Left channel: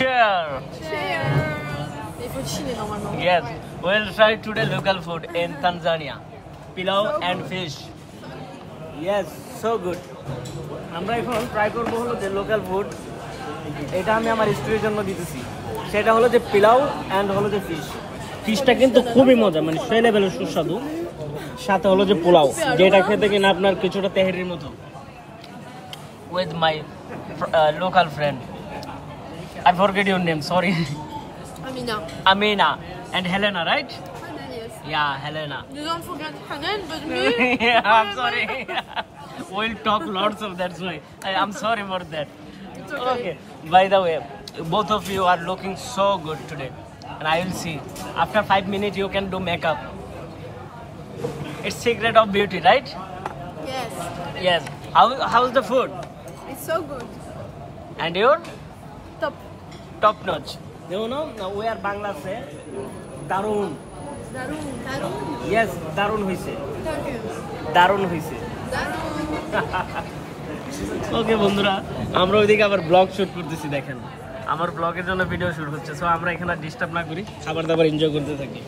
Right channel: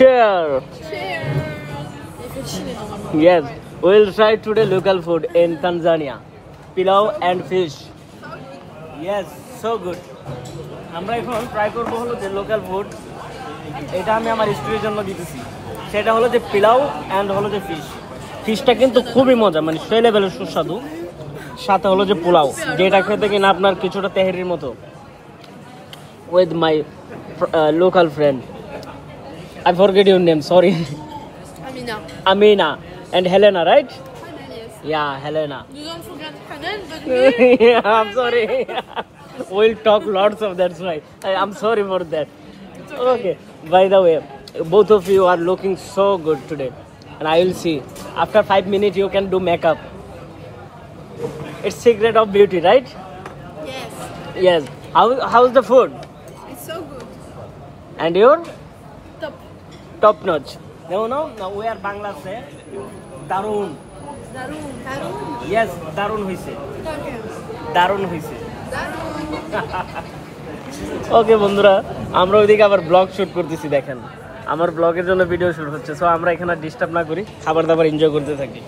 Cheers. Yes, we'll try today local food in Tanzania. Pilau and fish. Yes, so good. আমরা এখন ট্রাই করব হলো যে লোকাল ফুড, এটা আমি আমার স্টুডেন্টের জন্য দিতেছি। সেটা হলো যে পিলাও এন্ড হলো যে ফিশ। ফিশটা কিন্তু খুবই মজা, মানে সেই লেভেলের সুস্বাদু। সাথে হলো যে পোলাও, যেটা খেতে কিনা আপনার কিছুটা তেহারির মতো। With my local friend. I forget your name, sorry. Amina and Helena, right? Hanan, yes. Yeah, Helena. You don't forget Hanan, but me. Yeah, I'm sorry. We'll talk lots of that, right? I'm sorry for that. It's okay. By the way, both of you are looking so good today. And I will see. After 5 minutes, you can do makeup. It's secret of beauty, right? Yes. Yes. How's the food? It's so good. And your? Top notch. No, we are Bangladesh. Darun. Yes, Darun hoise. Darun hoise. ওকে বন্ধুরা, আমরা ওইদিকে আবার blog shoot করতেছি, দেখেন আমার ব্লগের জন্য video shoot হচ্ছে। সো আমরা এখানে ডিস্টার্ব না করি, খাবার দাবার এনজয় করতে থাকি।